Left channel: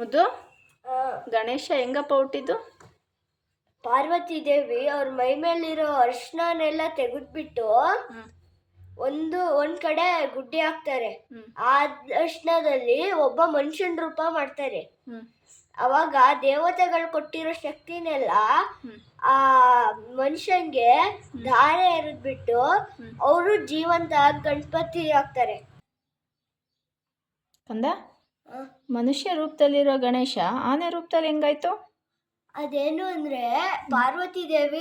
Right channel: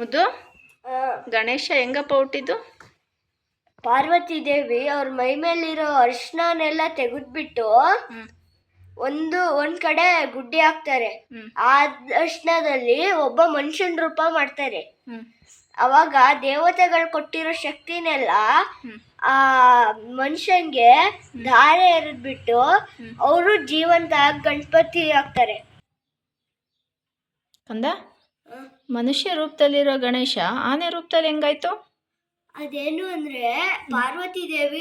ಮುದ್ದು, ಗಣೇಶ ಹೆಂಗಪ್ಪ ಹುಟ್ಟಿದ್ದು? ಪಾರ್ವತಿ ದೇವಿ ಅವ್ರ ಮೈ ಮೇಲಿರೋ ಅರಿಶಿನೆಲ್ಲ ತೆಗೆದ್ಬಿಟ್ಟು ಒಂದ್ ಕಡೆ ಗುಡ್ಡೆ ಹಾಕ್ತಾರೆ. ಆ ಅರಿಶಿನದಲ್ಲಿ ಒಬ್ಬ ಮನುಷ್ಯನ ರೂಪ ಮಾಡ್ತಾರೆ. ಅವಾಗ ದೇವತೆಗಳು ಕೊಟ್ಟಿರೋ ಶಕ್ತಿನೆಲ್ಲ ಆ ಮನುಷ್ಯನ್ಗೆ ಧಾರೆ ಎರೆದ್ಬಿಟ್ಟು ಅವರು ಜೀವಂತ ಗಣಪತಿ ಆಗ್ತಾರೆ. ಕಂದ, ಮನುಷ್ಯ ರೂಪದಲ್ಲಿರೋ ಗಣೇಶ ಆನೆ ರೂಪದಲ್ಲಿ ಹೆಂಗಾಯ್ತು? ಅದೇನು ಅಂದ್ರೆ ಪಾರ್ವತಿ ದೇವಿ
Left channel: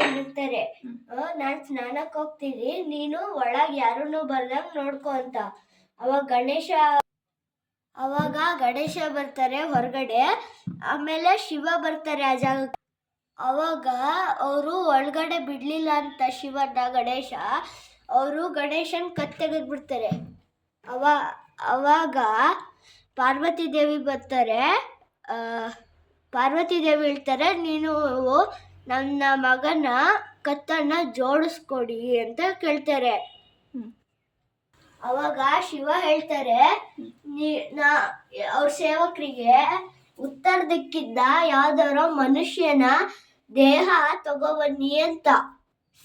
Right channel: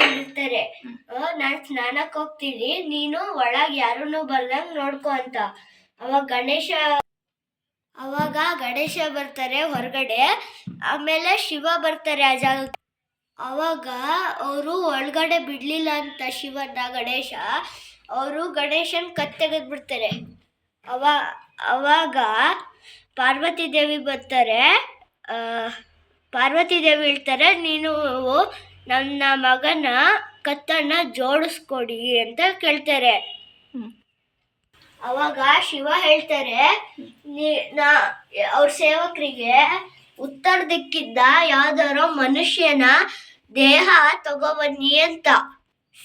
ಹೇಳಿರ್ತಾರೆ, ನಾನ್ ಸ್ನಾನಕ್ಕೆ ಹೋಗ್ತೀನಿ, ನೀನು ಒಳಗ್ ಯಾರನ್ನು ಬರ್ದಂಗ್ ನೋಡ್ಕೊ ಅಂತ. ಅವಾಗ ಗಣೇಶ ಬರ್ತಾರೆ ಹೊರಗಡೆ, ಆಮೇಲೆ ಶಿವ ಬರ್ತಾರೆ ಆ ಜಾಗಕ್ಕೆ. ಅವಾಗ ಅವರು ಒಳಗಡೆ ಬಿಡ್ಲಿಲ್ಲ ಅಂತ ಶಿವನ ಗಣೇಶ ಅವರು ಗಣೇಶನ್ ತೆಗೆದ್ಬಿಡ್ತಾರೆ. ಅವಾಗ ಪಾರ್ವತಿ ದೇವಿ ಬರ್ತಾರೆ. ಪಾರ್ವತಿ ದೇವಿ ಹೇಳ್ತಾರೆ, ನೀನು ನನ್ನ ಮಗನ ಕತ್ತನ್ನ ಜೋಡಿಸ್ಕೊಡಿ ಅಂತ ಕೇಳ್ತಾರೆ. ಅವಾಗ ಶಿವ ಹೇಳ್ತಾರೆ, ಅವ್ರ ಸೇವಕರಿಗೆ ಉತ್ತರ ದಿಕ್ಕಿಂದ ಯಾವ್ದಾರೋ ಮನುಷ್ಯನ ದೇಹ ತಗೊಬನ್ನಿ ಅಂತ.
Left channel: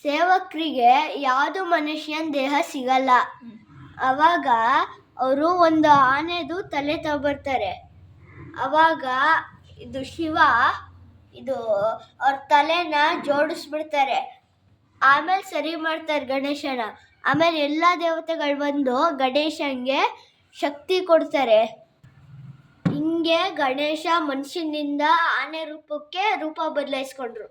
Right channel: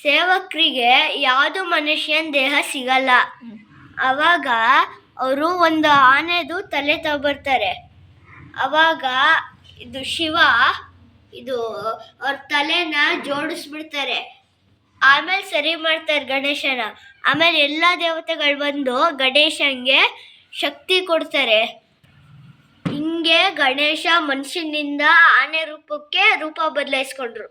ಸೇವಕರಿಗೆ ಯಾವುದು ಮನುಷ್ಯನ ದೇಹ ಸಿಗಲ್ಲ. ಅವಾಗ ಅವರು ಒಂದು ಆನೆದು ತಲೆ ತಗೊಬರ್ತಾರೆ. ಅವಾಗ ಇದು ಶಿವ ಅವ್ರ ತಲೆನ ಜೋಡಿಸ್ಬಿಡ್ತಾರೆ. ಆಮೇಲೆ ಸರಿ ಮಾಡ್ತಾರೆ ಗಣೇಶನ. ಆಮೇಲೆ ಎಲ್ಲ ದೇವತೆಗಳು ಬಂದು ಗಣೇಶನ್ಗೆ ಶಕ್ತಿ ಕೊಡ್ತಾರೆ. ಹಿಂಗೆ ಗಣೇಶ ಮನುಷ್ಯನಿಂದ ಆನೆ ರೂಪಕ್ಕೆ ರೂಪ ಬದಲಾಯಿಸ್ಕೊಂಡ್ರು.